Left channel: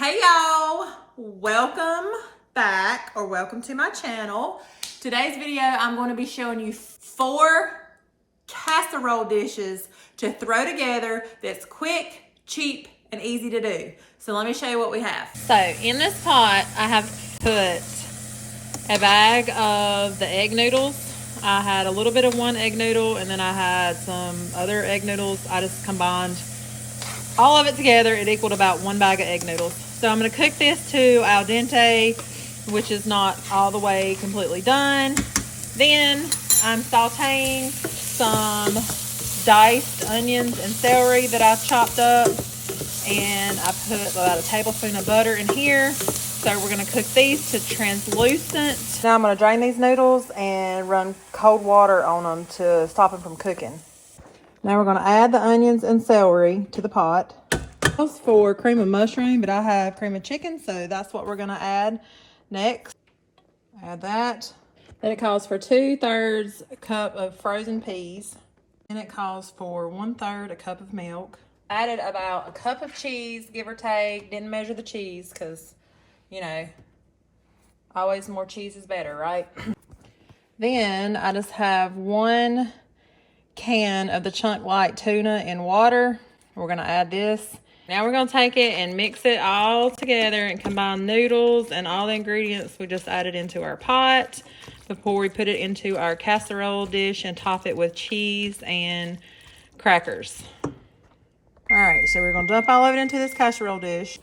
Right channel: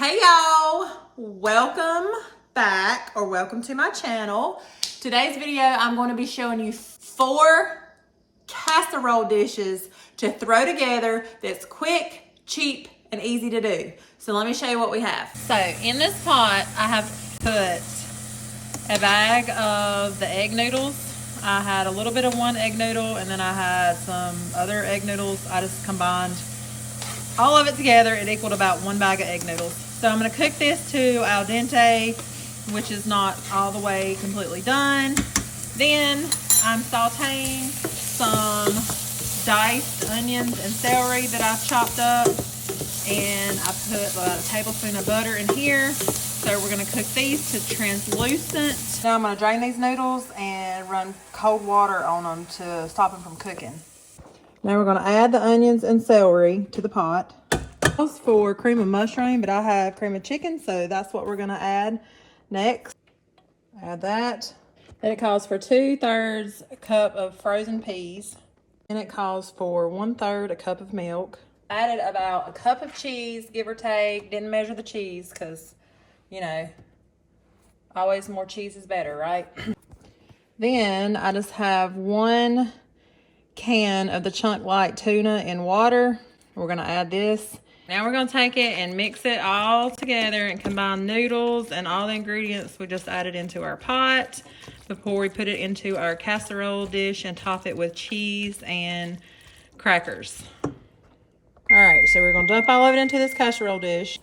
Hey y'all, welcome back or welcome to my channel. Today's video I'm going to be showing you 4 casserole dishes to throw together that's quick, cheap, and easy to do. So let me show you what we have. So in this pot I have put a bag of the egg noodles. I had a little bit of one egg noodle and then I had some other egg noodles. I just combined all of it together. It equaled about 1 bag of egg noodles. So I'm going to cook this to al dente, which is not all the way completely done. Then I'm sauteing some diced onions and celery that I've chopped up. And I put about a tablespoon of butter in here. So we're going to cook these to translucent. Now I'm going to drain these noodles and run cold water on them to stop them from cooking. Now we're going to add the onions and celery to the pot. For cream of mushroom, but I have cream of chicken, so that's what we're going to add next. Add that. Then it calls for 2/3 a cup of frozen peas. And it calls for 1/3 a cup of milk. Added about a cup of cheese, give or take. Didn't measure the cheese because, you know, always more cheese is better, right? Then I just have 1 can of the chunk light tuna in water. We're going to add this. Now we're going to take it and mix it all together and combine noodles and all the ingredients we just added into our pot before we put it into our casserole dish and top it with cheese and crackers. All right, so we're going to dump all of it into this casserole dish.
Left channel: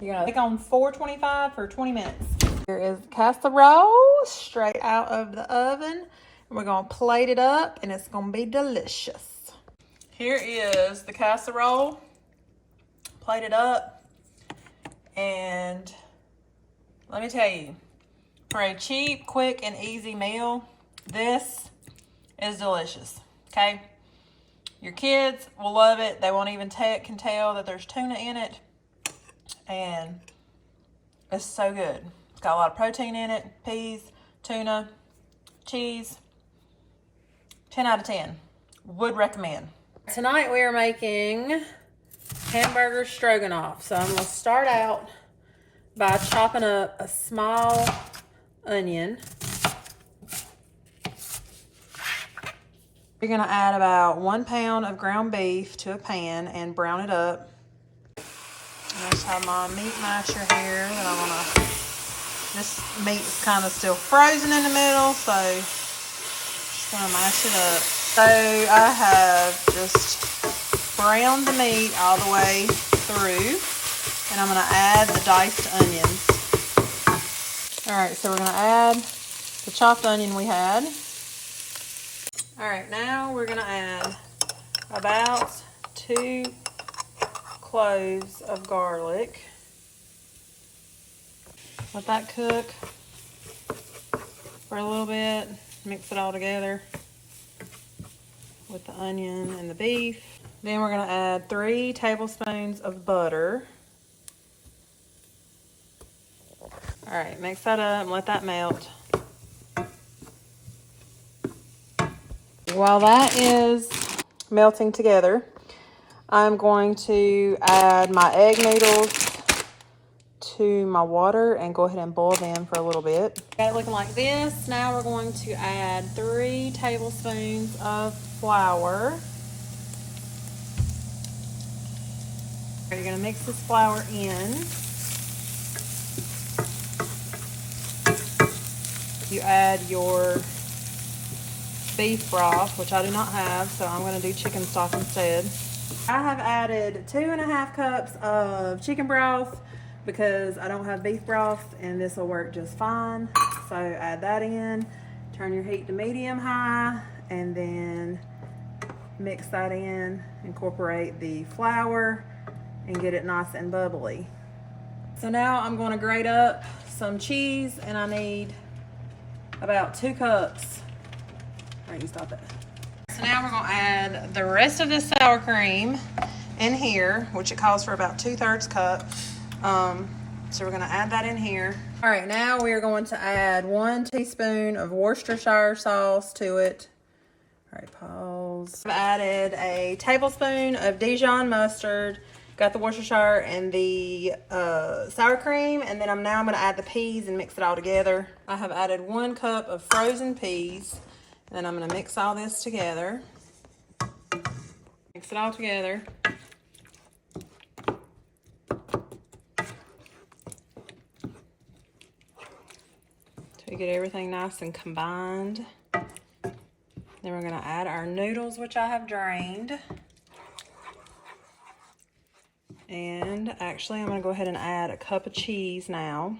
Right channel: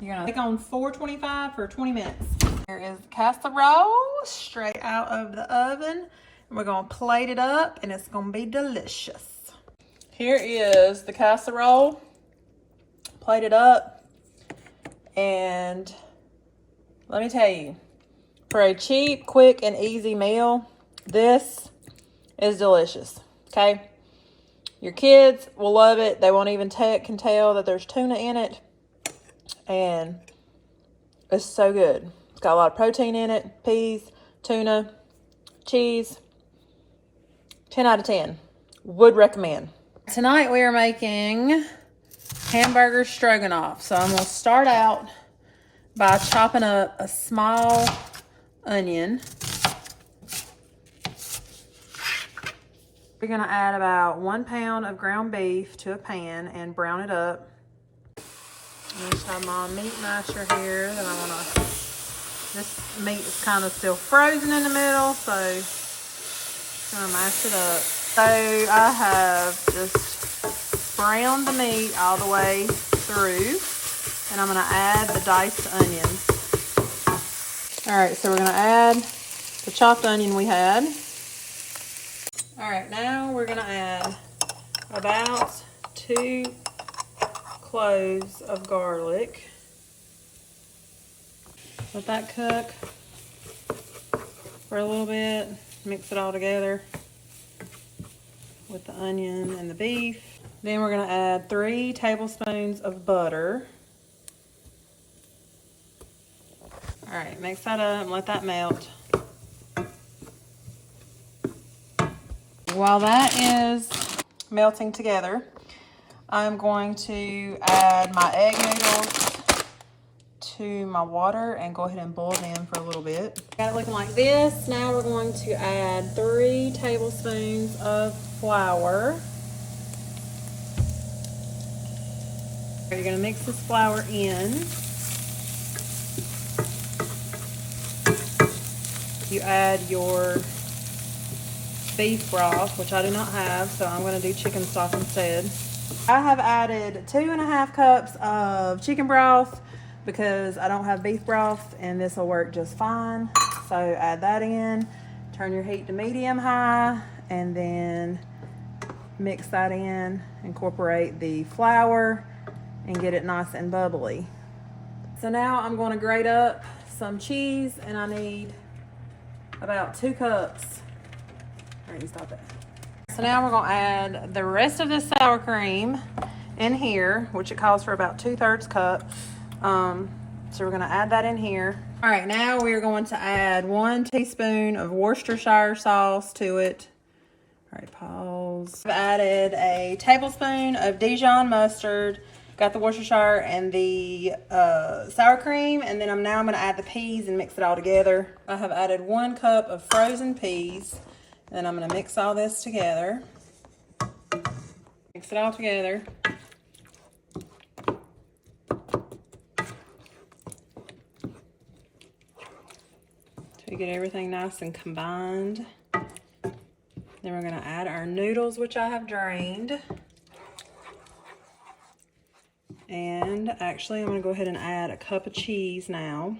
You're going to take on 425 for 20 minutes. Here is the casserole straight out of the oven. And we're going to plate it up and it's going to be delicious. Here is the casserole. Plate it up, and let me tell you, for a cheap, quick, and easy meal, this is delicious. Okay, your kids will love it. They won't even can tell that there's tuna in it, and it's so good. It's got a lot of protein in it: peas, tuna, cheese. 10 out of 10. Would recommend. Tonight we are making hamburger stroganoff. So I'm going to start out by chopping up a small onion. We're going to add about 1 pound of ground beef to a pan and brown it up. I just have my meat masher here that I'm going to, this meat is kind of still frozen in the middle, so just going to mash it up. So I have just brown the meat all the way through, and I'm going to add the diced onions. All right, so we're going to add the chopped onion we had. All right, now we're going to add about 2 cloves of garlic. Let that cook for a little bit. Mix it all together with the onion and the beef. Then we're going to add 3 tablespoons of butter. All right, mix that up and let that melt. While that is melting together, I'm going to add my egg noodles to my water and go ahead and boil them for a little bit. Got it looking like this. Now we're going to add 3 tablespoons of flour. You're going to mix this flour in. You add your beef broth, which I do not have, so I'm going to do chicken stock instead. I have added 2.5 cups of chicken broth because I don't have beef broth, and this will work just fine. So add that in, turn your heat to medium high, and then mix that in, incorporate the flour, and get it nice and bubbly. So now I'm going to grate up some cheese, and I need about 2 cups. All right, you stop it. So now we're going to add the rest of this sour cream in here, which it calls for about 2/3 cup. So we're going to add that in here. All right, now we are going to add 1 teaspoon of Worcestershire sauce to it. All right, pause. I've added a tablespoon of Dijon mustard Got the Worcestershire and the sour cream, and then now I'm gonna add the peas and mix it all together. I have added 1 cup of frozen peas, and I'm gonna mix all this together. Mix it all together. To get everything nice and combined. Then we're gonna add our noodles, which I have drained. And actually, I'm gonna go ahead and add a cup of cheese now.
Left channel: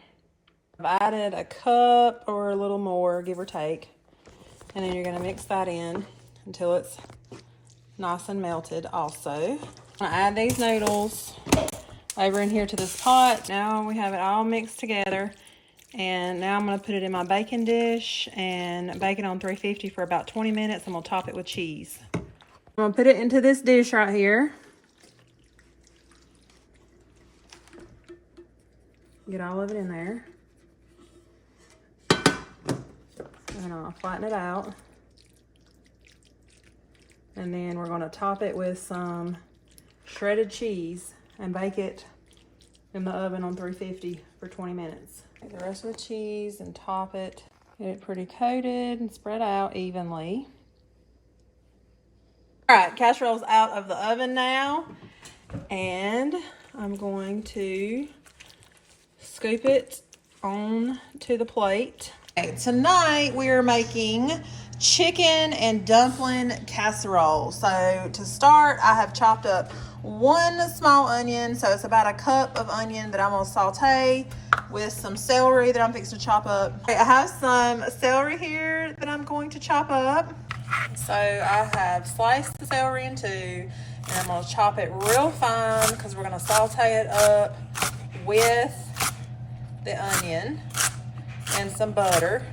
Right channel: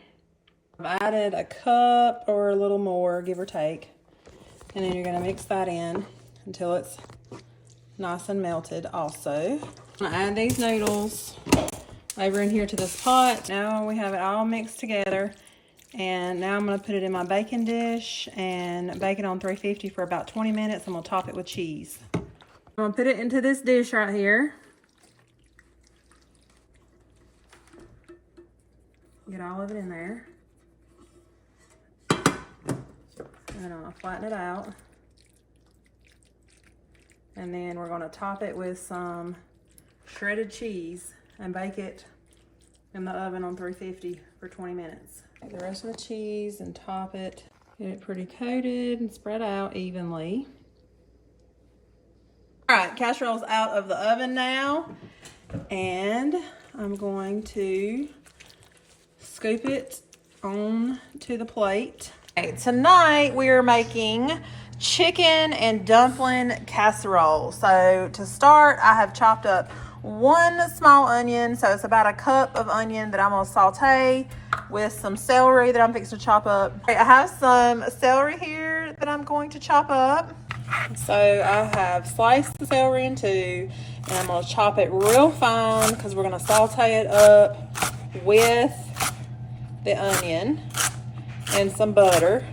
I've added a cup or a little more, give or take. And then you're gonna mix that in until it's nice and melted also. I'm gonna add these noodles over in here to this pot. Now we have it all mixed together. And now I'm gonna put it in my baking dish and bake it on 350 for about 20 minutes. I'm gonna top it with cheese. I'm gonna put it into this dish right here. Get all of it in there. And I'll flatten it out. And then we're gonna top it with some shredded cheese and bake it in the oven on 350 for 20 minutes. Take the rest of the cheese and top it. Get it pretty coated and spread out evenly. All right, casserole's out of the oven now. And I'm going to scoop it on to the plate. Okay, tonight we are making chicken and dumpling casserole. So to start, I have chopped up 1 small onion, so it's about a cup of onion that I'm gonna saute with some celery that I'm fixing to chop up. Okay, I have some celery here that I'm going to chop up. So I have sliced the celery in 2, and I'm gonna chop it real fine because we're gonna saute it up with the onion and some butter.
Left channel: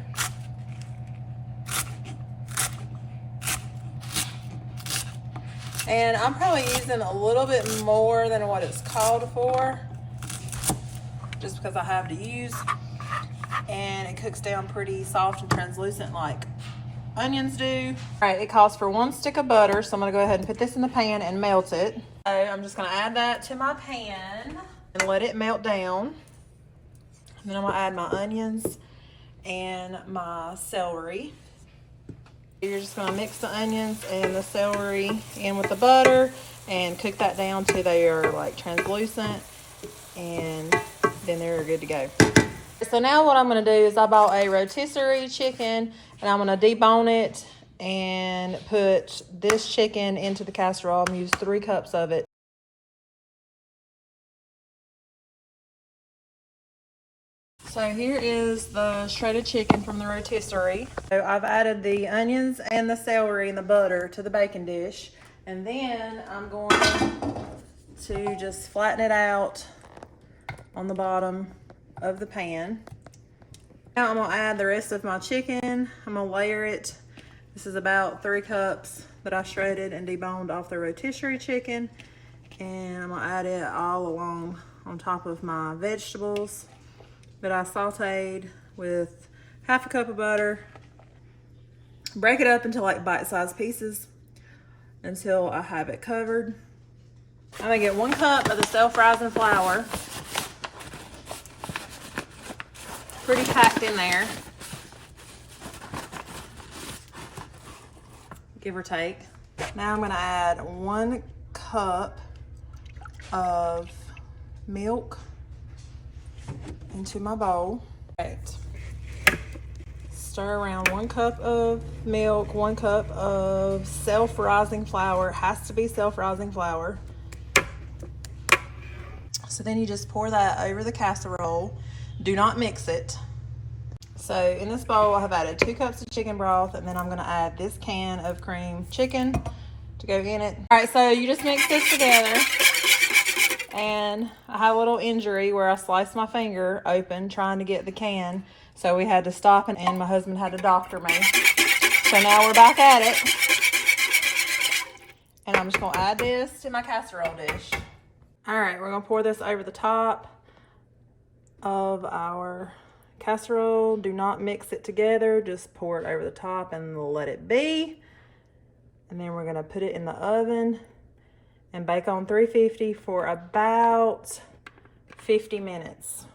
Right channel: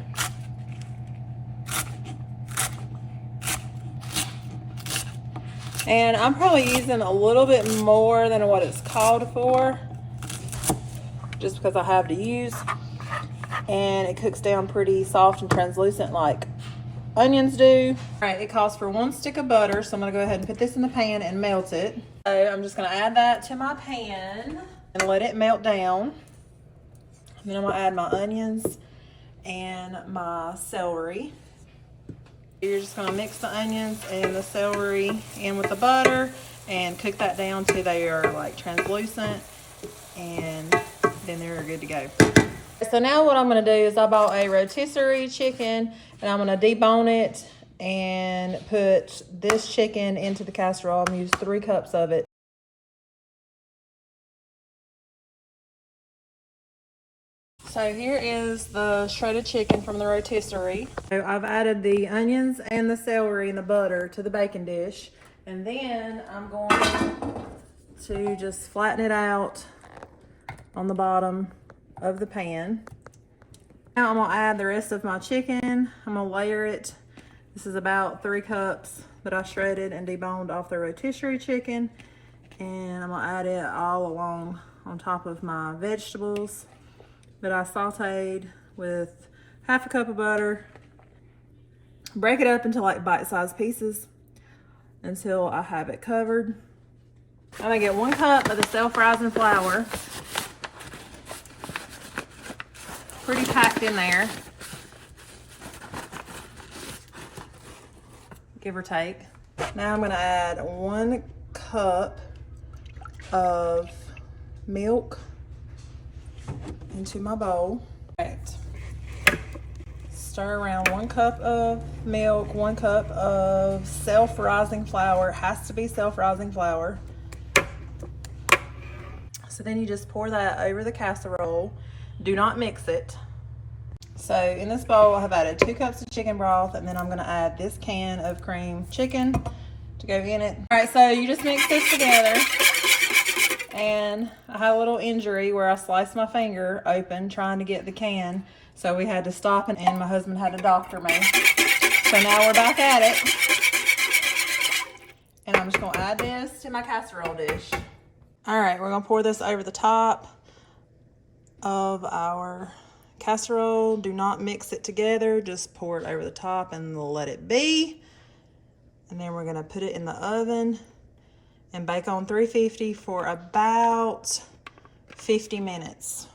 And I'm probably using a little bit more than what it's called for, just because I have to use. And it cooks down pretty soft and translucent like onions do. All right, it calls for 1 stick of butter, so I'm gonna go ahead and put this in the pan and melt it. So I'm just gonna add that to my pan and let it melt down. And then I'm gonna add my onions and my celery. You're just gonna mix the onions and the celery in with the butter and cook that down till they are like translucent, and then they're good to go. So now what I'm gonna do is I bought a rotisserie chicken, and I'm gonna debone it and put this chicken into the casserole. I'm gonna use 3 cups of it. So here is the shredded chicken from the rotisserie. So I've added the onions and the celery and the butter to the baking dish. And then I'm going to just flatten it out on the bottom of the pan. Now I'm gonna add the rest of my chicken. I'm gonna layer it. This is about 3 cups that I shredded and deboned off the rotisserie chicken. And I'm gonna add it all along on top of my vegetables that I sauteed with half a cup of butter. Break it up into like bite-sized pieces until I have it covered. I'm gonna get 1 cup of the self-rising flour. Pretty packed in there, give or take. Now I'm gonna add 1 cup of milk into my bowl. Right. Stir around 1 cup of milk, 1 cup of self-rising flour. It has to be self-rising flour. So then you just pour that over the casserole. Do not mix it. So in this bowl, I have added 2 cups of chicken broth, and then I'm gonna add this can of cream chicken to go in it. All right, so you just mix this together. And I had a little injury where I sliced my finger open trying to get the can. So we had to stop, and my husband had to doctor me. So now we're back at it. And I'm just gonna add this to my casserole dish. All right, we're gonna pour this over the top of our casserole. Do not mix it together, just pour it over the top and let it be. And then we're gonna put it in the oven and bake on 350 for about 50 minutes.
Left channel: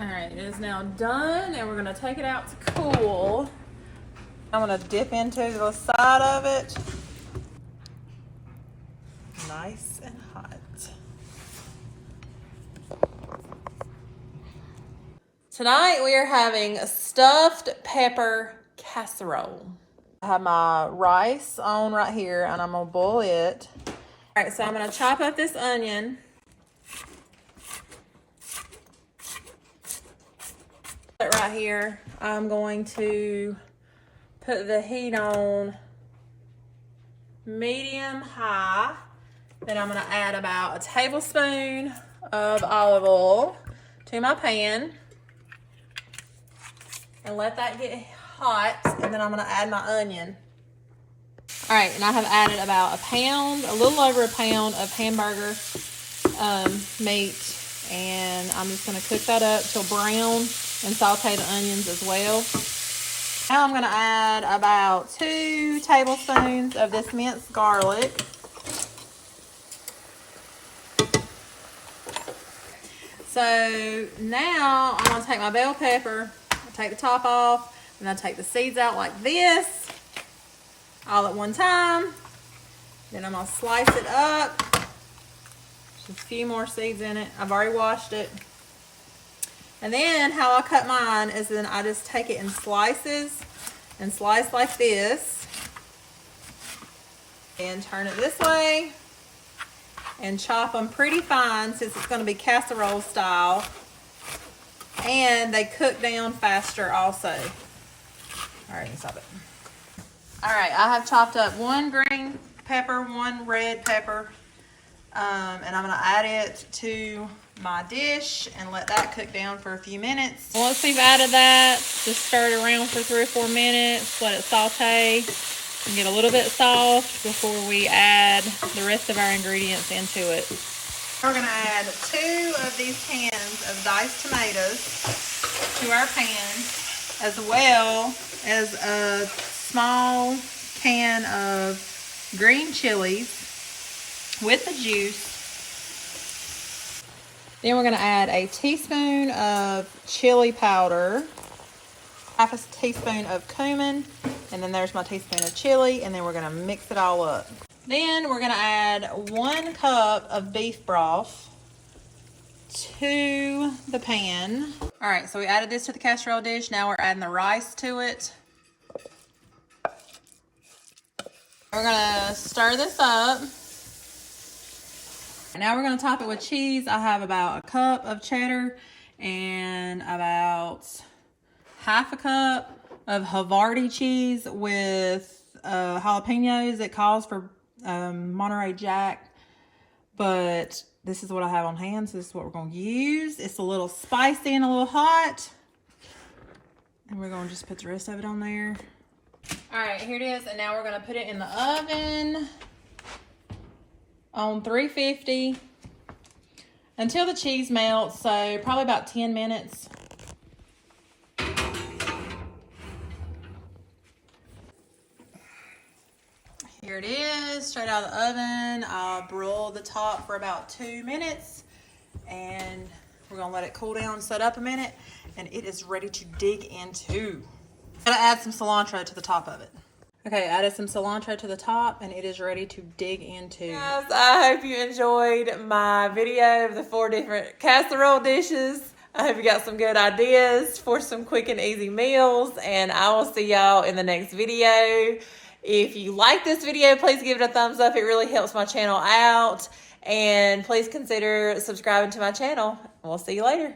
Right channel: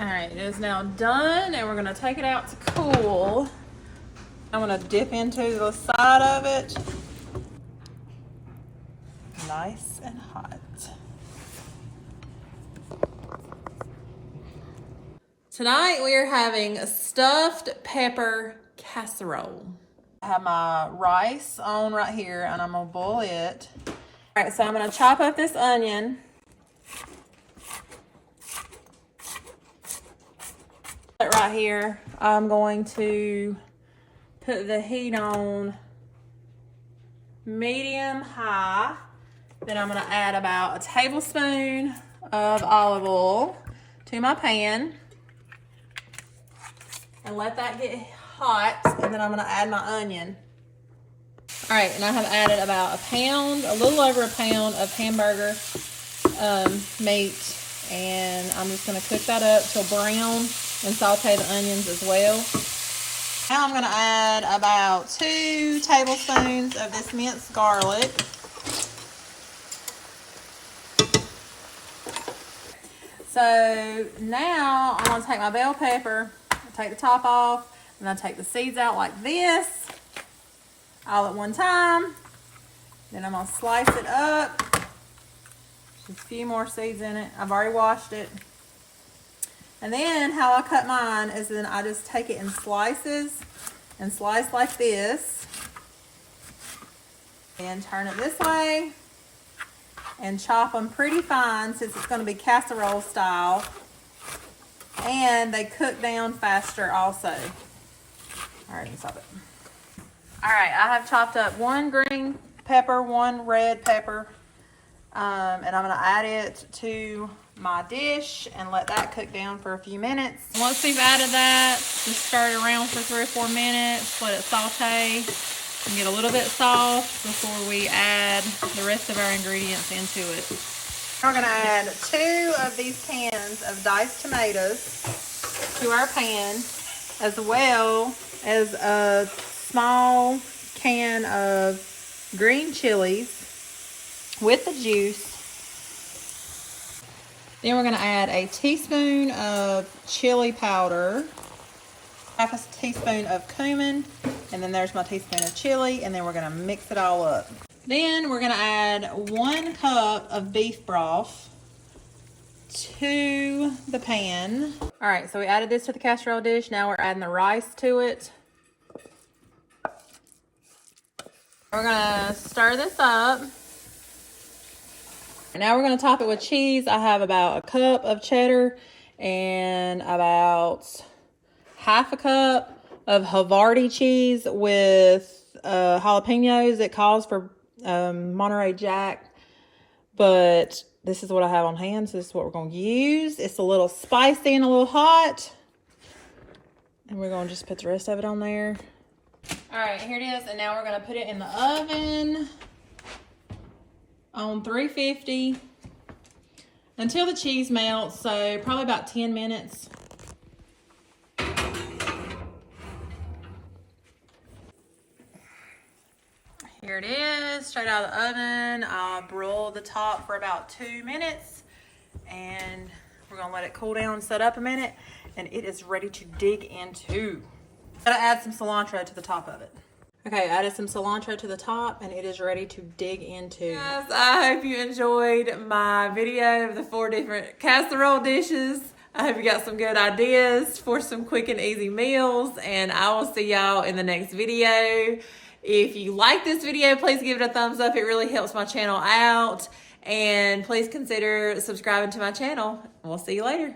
All right, it is now done, and we're gonna take it out to cool. I'm gonna dip into the side of it. Nice and hot. Tonight we are having a stuffed pepper casserole. I have my rice on right here, and I'm gonna boil it. All right, so I'm gonna chop up this onion. Right here, I'm going to put the heat on medium high. Then I'm gonna add about a tablespoon of olive oil to my pan and let that get hot. And then I'm gonna add my onion. All right, and I have added about a little over a pound of hamburger meat, and I'm just gonna cook that up till brown and saute the onions as well. Now I'm gonna add about 2 tablespoons of this minced garlic. So now I'm gonna take my bell pepper, take the top off, and I'll take the seeds out like this, all at one time. Then I'm gonna slice it up. Just a few more seeds in it. I've already washed it. And then how I cut mine is then I just take it in slices and slice like this. And turn it this way. And chop them pretty fine since it's going to be casserole style. And they cook down faster also. All right, stop it. All right, I have chopped up 1 green pepper, 1 red pepper. And I'm going to add it to my dish and let that cook down for a few minutes. Once we've added that, just stir it around for 3 or 4 minutes. Let it saute and get a little bit soft before we add the rest of our ingredients into it. We're going to add 2 of these cans of diced tomatoes to our pan, as well as a small can of green chilies with the juice. Then we're going to add a teaspoon of chili powder, half a teaspoon of cumin, and then there's my teaspoon of chili, and then we're going to mix it all up. Then we're going to add 1 cup of beef broth to the pan. All right, so we added this to the casserole dish. Now we're adding the rice to it. We're going to stir this up. Now we're going to top it with cheese. I have about a cup of cheddar and about half a cup of Havarti cheese with jalapenos. It calls for Monterey Jack, but this is what I have on hand, so this is what we're going to use. It's a little spicy and a little hot, and we're going to just put the rest of it on there. All right, here it is, and now we're going to put it in the oven on 350 until the cheese melts, so probably about 10 minutes. Here it is, straight out of the oven. I broiled the top for about 2 minutes, and we're gonna let it cool down, set up a minute, and it is ready to dig into. Gotta add some cilantro to the top of it. Okay, added some cilantro to the top, and it is ready to dig into. Guys, I hope you enjoyed my video of the 4 different casserole dishes. I hope you got some good ideas for some quick and easy meals, and I will see y'all in the next video. If you like this video, please give it a thumbs up. It really helps my channel out, and please consider subscribing to my channel. We'll see you later.